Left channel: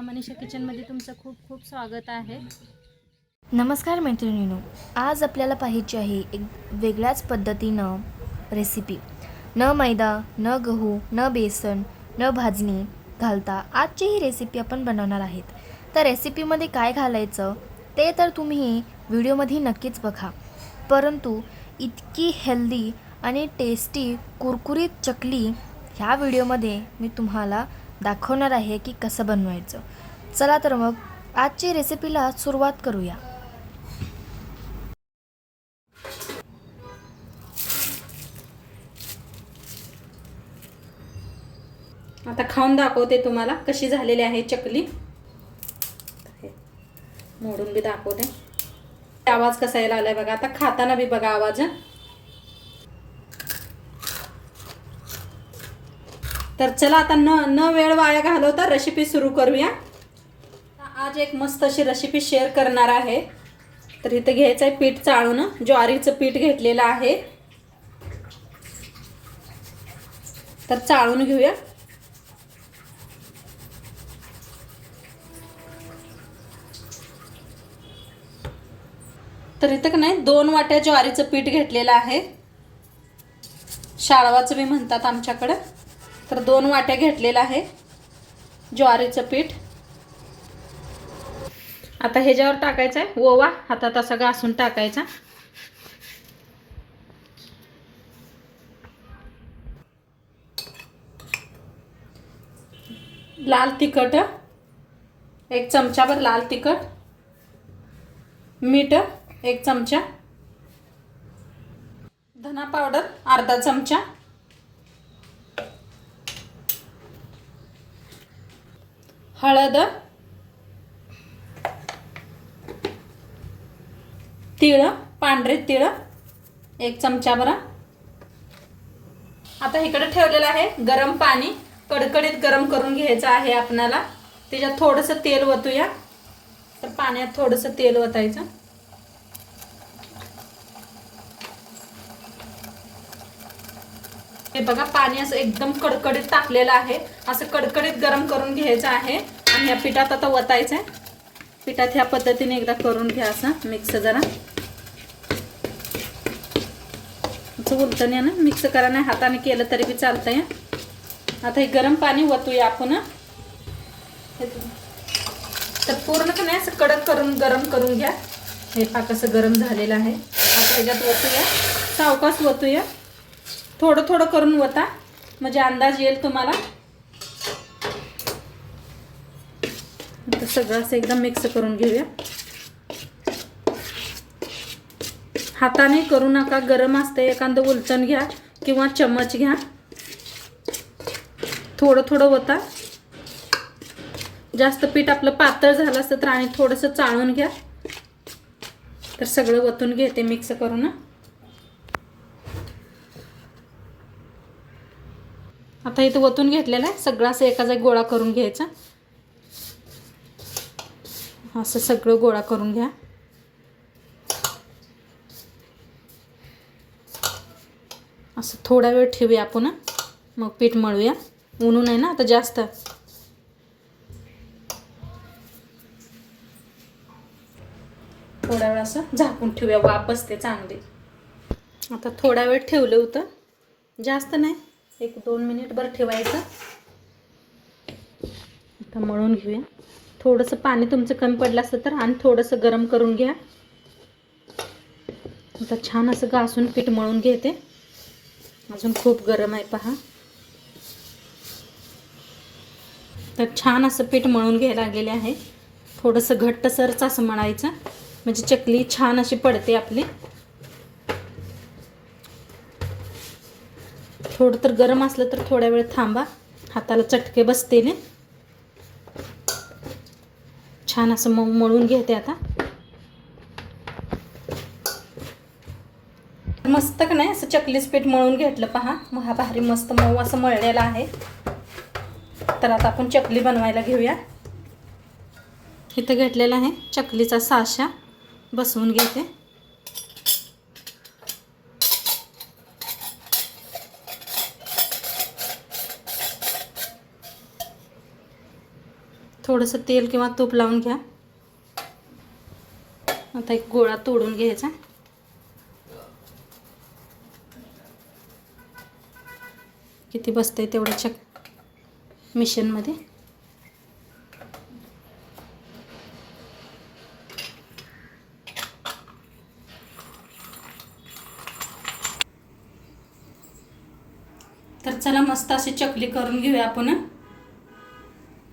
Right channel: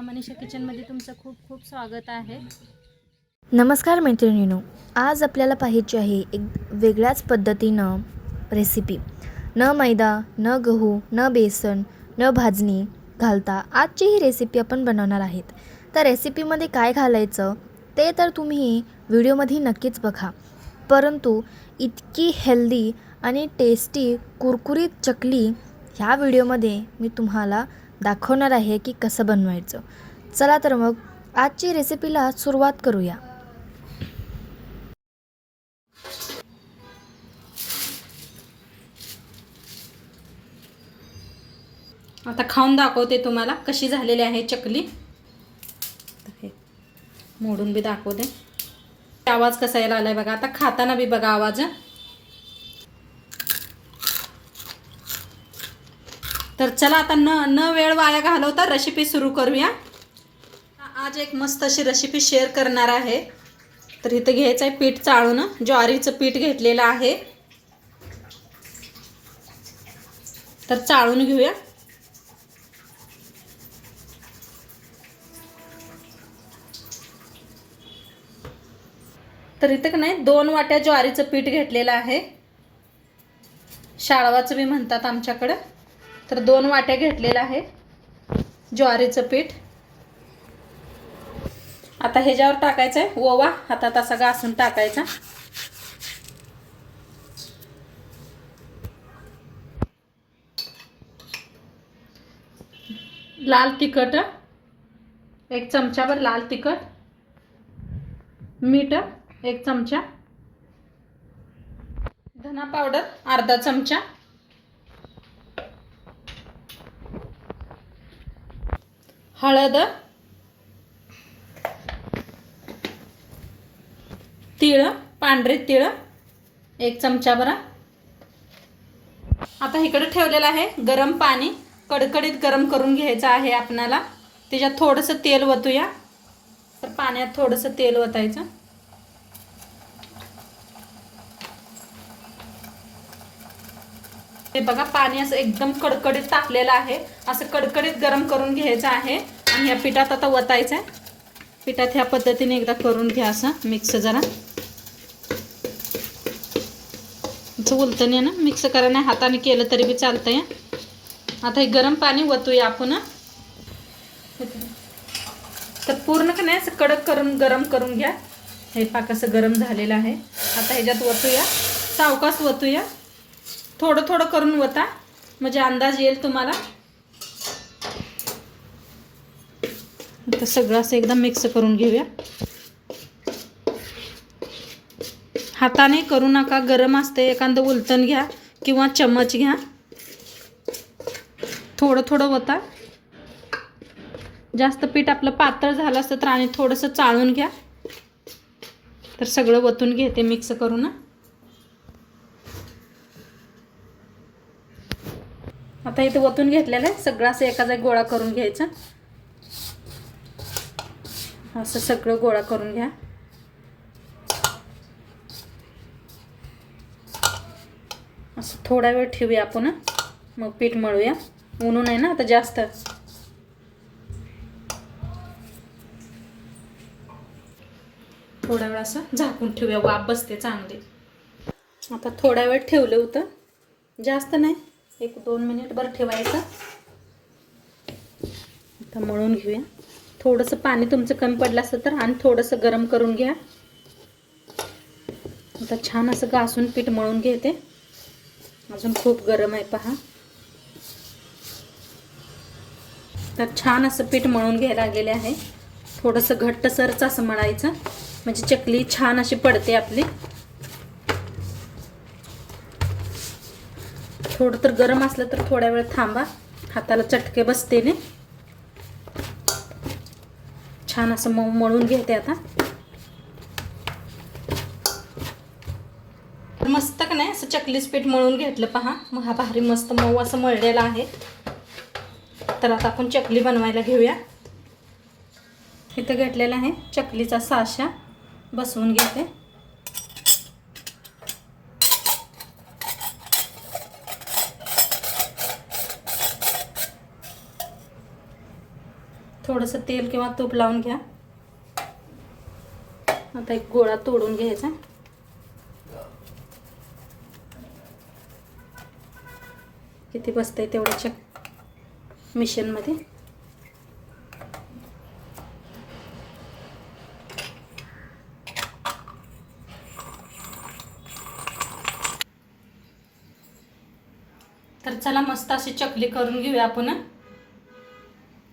माझ्या मनीषा किचनमध्ये तुमचं खूप खूप स्वागत आहे। नमस्कार मैत्रिणींनो, आज आपल्याला पाहायची आहे एक वेगळ्याच पद्धतीनं रेसिपी। न मैदा, न गहू, न बेसन, न भाजणी घालता आजची ही रेसिपी आपण बनवणार आहेत। तर रेसिपीमध्ये काय घालायचं ते तर तुम्ही व्हिडिओमध्ये नक्कीच बघा, परंतु इतकी हेल्दी आणि टेस्टी कुरकुरीत चकली ह्या व्हिडिओमध्ये मी तुम्हाला दाखवणार आहे की कसं बनवायचं। चला तर मग आजची रेसिपीला सुरुवात करूया। आता खाऊन दाखवते तुम्हाला कशी झालेली आहे चकली। मोडून बी दाखवते, आवाज कसा यायला आलाय बघा। आता खाताना बी बघा आवाज। तर चला आता न वेळ वाया घालवता रेसिपी सुरू करूया। आज एक मस्त अशी रेसिपी शेअर करणार आहे। तर इथं घ्यायचं आहे पीठ चाळून, ज्वारीचं पीठ घेतलेलं आहे। तर चाळून घेऊया। तर इथं का नाही 2 वाट्या ज्वारीचं पीठ घेतलेलं आहे। शाळवाचं बी म्हणतात आमच्याकडे। तर 2 वाट्या घेतलेलं आहे ज्वारीचं पीठ। आता ह्याच्यावर टाकायचं आहे ओवा, हातात असा घासून टाकायचा। लाल तिखट 1 चमचाभर, लाल तिखट, मीठ 1 चमचा, धना पावडर अर्धा चमचा, हळद, तीळ, पांढरे तीळ 1 चमचा भर। आता इकडे ठेवलेलं आहे गरम पाणी, कडकडीत गरम करून घ्यायचं आहे आपल्याला। त्याच्यात थोडंसं तेल ओतूया। तर पाण्यात थोडंसं तेल ओतायचं। हे बघा पाणी असं एकदम कडकडीत तापलेलं आहे। असं कडकडीत गरम करून घ्यायचं आहे आणि या पिठात आता ओतायचं आहे। पिठात ह्या पद्धतीने एकदा करून घ्या, असं मिक्स जरा उलटणे ना मिक्स करा, नाही हाताने केलं तरी बी चालतंय। आता हे गरम पाणी ओतूया आपण। तर पूर्ण का नाही असं कडक करून गरम करून घ्या। हे पाक असं गरम झालेलं आहे। आता ह्याच्यात ओतूया, सावकाश ओतूया, थोडं थोडं करून ओता म्हणजे अंदाज येईल तुम्हाला। ते सगळं असं एकदम मिक्स करून घेऊया। हाताने करू नका, गरम असते, एखादं उलटण घ्या किंवा चम्मच घ्या, थोडं थोडं ओता। जास्त पीठ आपलं पातळ झालं असतं तर आणि थोडंसं चाळून घ्या। तर सगळं ओतून घेते मिक्स करून। आता इथं ओतून घेतलेलं आहे सगळं, असं एका जागी गोळा करून घ्यायचा। असं सगळं गोळा करून घ्या। असं थोडा वेळ ठेवूया आपण, मग पीठ मळूया। ऊन आहे ना आता जास्त। थोडा वेळ असं झाकून ठेवूया, वाफ असते चांगली। आता थोडा वेळ ठेवलं होतं, जास्त नाही, 1-2 मिनिट भर ठेवायचं। आता मळून घेऊया। थोडंसं पाणी तुमचं कमी पडलं असतं तर आणि थोडंसं गरम करून घ्या। आता छान असं घासून पीठ मळून घेते। अजून खूप गरम आहे पहा। तर छान असं पीठ मळून घ्यायला लागलेले आहे। थोडंसं घट्टसरच असं मळायचं म्हणजे चकली छान अशी पडते आपली। थोडं तर गरम असलं तर थोडा वेळ थांबा, हाताला चटके बसते ने। छान असं मळून घेते आता। मस्त का नाही असं चकलीच पीठ मळून घेतलं पहा, महा भारी मस्त मऊ असं मळलेलं आहे। तर आता आपण चकली बनवायला घेऊया। इथं घेतलेला आहे चकलीचा साचा, बसवून घेते। थोडंसं तेल किंवा तूप लावून घ्या. आता एक गोळा तोडून घ्यायचा. किती बसतंय तेवढ्या मिशनमध्ये. तर चला मस्त अशी चकली करून घेऊया आपण.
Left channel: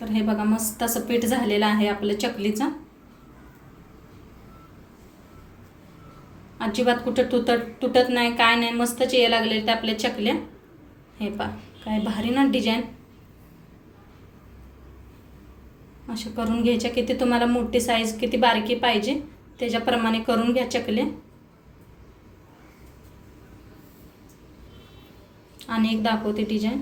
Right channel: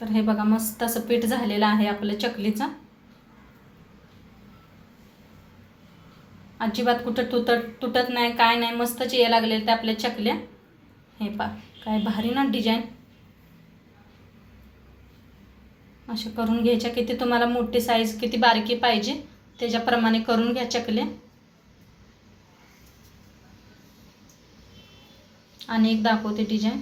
तर हे बघा मस्त असं पीठ झालेलं आहे आपलं चकलीचं. अजिबात कुठं तुटत नाही, काय नाही, मस्तच यायला लागले ते आपल्या चकल्या. हे पहा काय भारी ना डिझाईन. अशा करून घ्यायच्या. किती तुम्हाला मोठी साईज किती बारीकी पाहिजे त्याच्याप्रमाणे करून घ्या चकल्या. आणि एक दाखवते डिझाईन.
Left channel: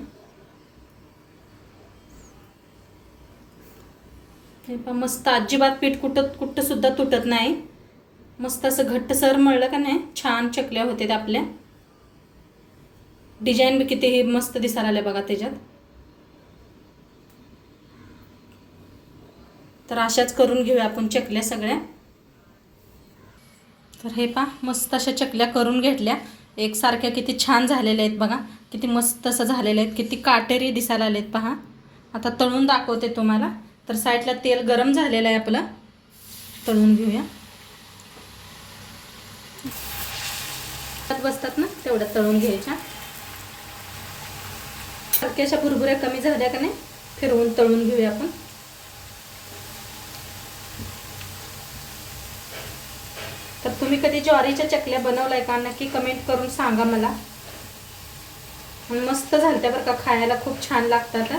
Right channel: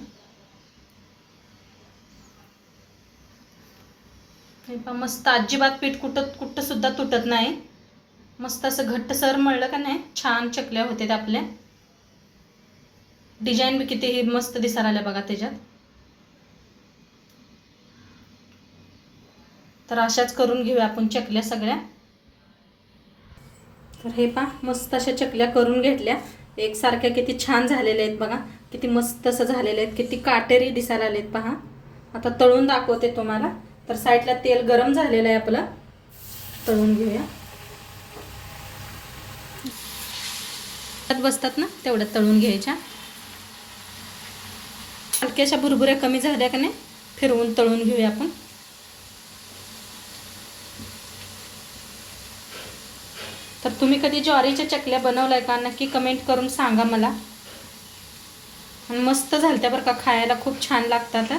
हे पहा मस्त, अजिबात पीठ कुठं सुद्धा तुटत नाही. मस्त असं घट्टसर मळलं का नाही छान चकल्या होते आपल्या. डिझाईन बी किती मस्त दिसायला आल्या बघा त्याच्यात. तर अशाच करून घेऊया आपण चकल्या सगळ्या. तर हे पहा मस्त अशा चकल्या करून घेतल्या एकसारख्या. किती छान झालेल्या आहेत बघा. किती मस्त असं झालेलं आहेत. किती काटेरी दिसायला आलेत पहा. आता तळून दाखवते तुम्हाला. तर साईडला तेल गरम झालेलं आहे आपलं. तळून घेऊया. बसतात ना तेवढ्या तळून घ्यायच्या. हलक्याशा बुरबुऱ्या कमी झाल्या का नाही फिरवून तळून घेऊया आपण. तर तुम्ही कधी ज्वारीच्या चकल्या बनवलाय का नक्की कमेंट करून सांगा मला. मस्त झालत्या बरं का, खायला खूप छान लागतात.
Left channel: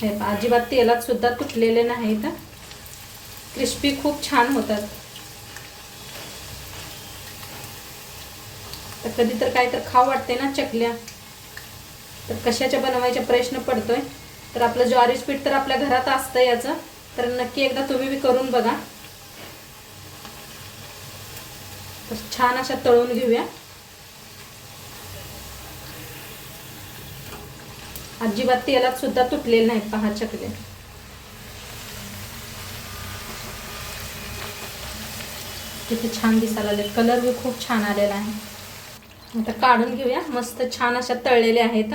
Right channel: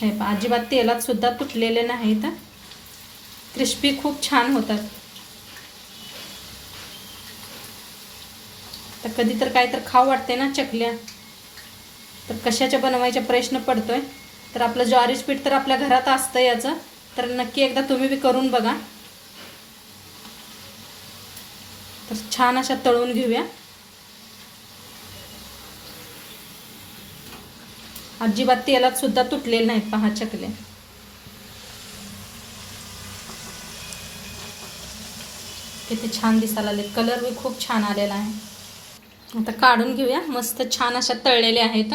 हे अजिबात तेलात सुद्धा तुटलेले नाहीत. क्रिस्पी खूप छान होतात. तर कधी तर काय तर खाऊ वाटते ना चकल्या, तर कशाच्या बनवायचा प्रश्न पडतोय. तर आपलं ज्वारीचं पीठ तर आपल्या घरात असतं याचं. तर नक्की एकदा तुम्ही बी करून बघा. तर छान अशा तळून घेऊया. अजिबात तेलात सुद्धा तुटलेले नाहीत पहा चकल्या. किती छान दिसायला आले. कलर बी खूप छान आलेला आहे. आता काढून घेऊया. मस्त छान अशा तळलेल्या आहेत.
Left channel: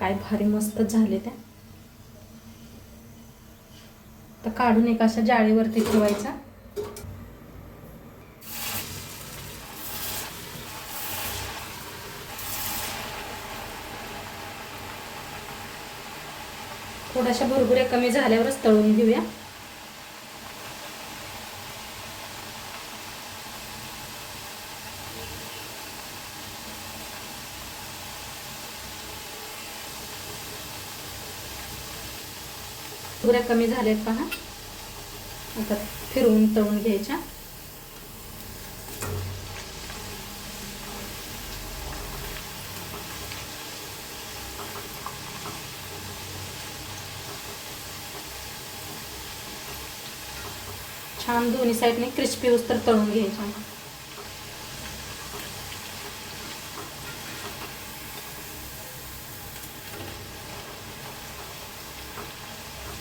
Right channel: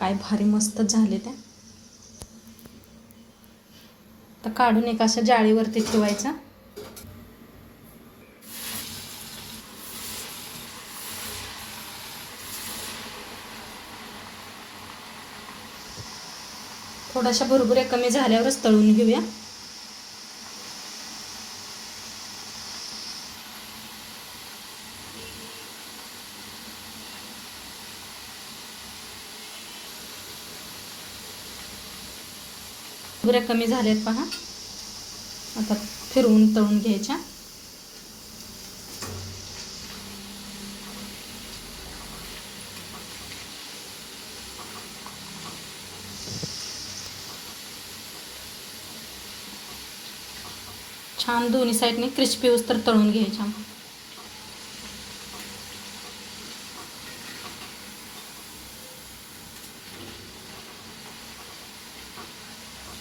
काय भारी मस्त झाले त्या. तर काढून एक अशा जाळीवरती ठेवायचा. थोड्याशा भुरभुऱ्या कमी झाल्यावरच तळून घेऊया. भुरभुऱ्या कमी झाल्यात पहा. आता फिरवून तळून घ्यायच्या. छान दोन्ही साईडने क्रिस्पी उस्तर तळून घ्यायच्या.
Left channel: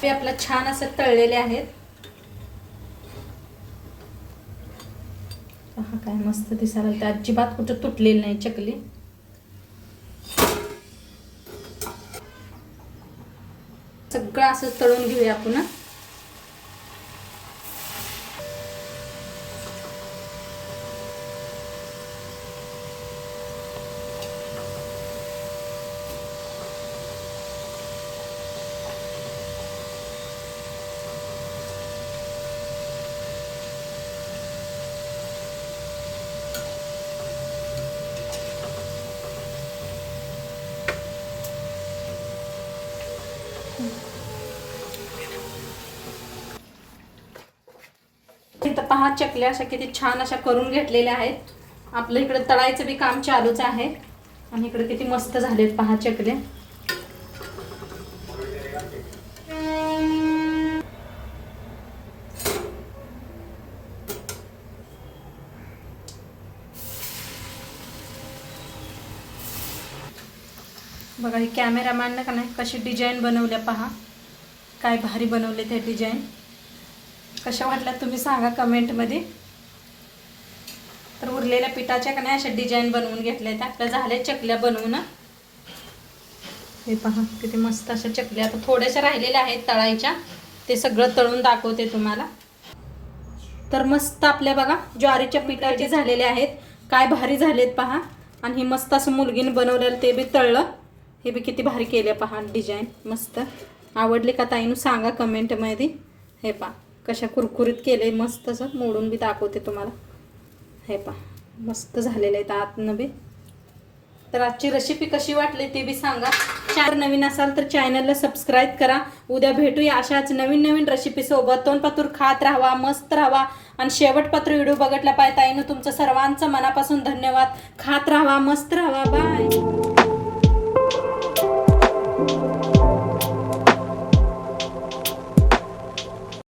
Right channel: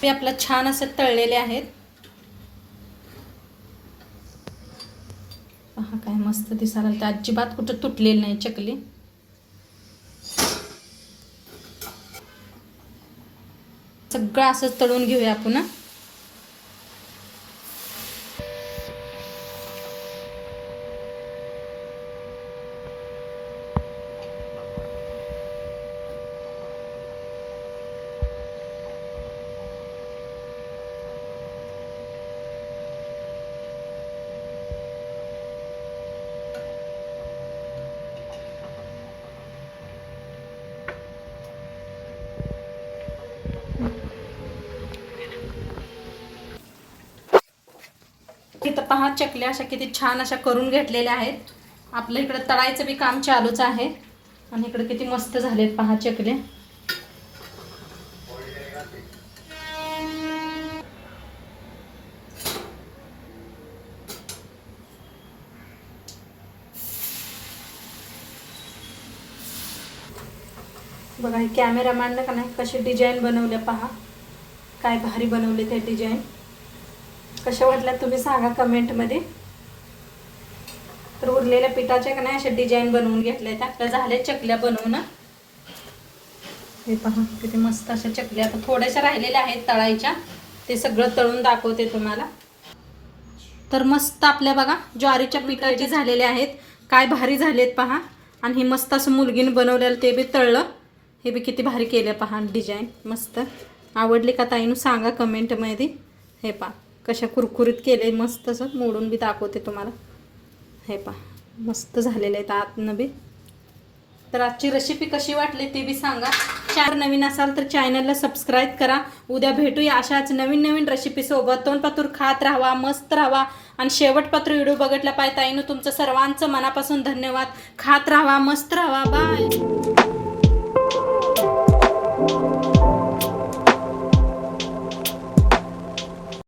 ते आपल्या छान असे तळलेले आहेत. पहा काय मस्त दिसायला. तर अजिबात कुठं तुटलेली नाही चकली. सगळं असंच तळून घेऊया आपण. इथं पहा चकल्या अशा किती छान अशा करून घेतलेल्या आहेत. आपलं इकडे तळायचं बी काम चालूच आहे. आणि इकडे किती मस्त झालेत पहा चकल्या. बघा हे कॅमेरामॅननं का नाही कशी डिझाईन बनवल्या पहा. काय भारी बनवले ते डिझाईन. कशा वाटल्या तुम्ही सांगा कमेंटमध्ये. तर उरलेल्या पिठाच्या का नाही अशा डिझाईन बनवून घेतल्या त्या. आपल्या झाल्या चकल्या बनवून. हे पहा किती मस्त अशा चकल्या. आता थोड्याशा राहिलेल्या आहेत तळायच्या, ते सगळं तळून दाखवते तुम्हाला. तर मस्त आपल्या बघा ज्वारीच्या पिठाचे झालेले आहेत. काय भारी झालेत पहा. आणि ही मस्त असं मुलगीने बनवलेलं ते बी तळलं. हे बी किती भारी केलं पहा डिझाईन. मस्त आवडली का ताईनं सांगा कमेंटमध्ये. हे पहा कशा कुरकुरीत केले, मस्त असं मोडून बी दाखवते तुम्हाला. हे पहा मस्त झालेले आहेत आतनं बी. तर आजची रेसिपी कशी वाटली ते बी सांगा. चॅनल नवीन असाल तर चॅनलला सबस्क्राईब करा. उद्या भेटूया अशाच नवीन नवीन रेसिपी सोबत. तोंडपातूर खात राहावा, मस्त राहावा. आणि शेवटपात्र व्हिडिओ बघितला पाहिजे ताईनं तुमचं सर्वांचं मनापासून धन्यवाद. खात राहावा, मस्त राहावा. बाय.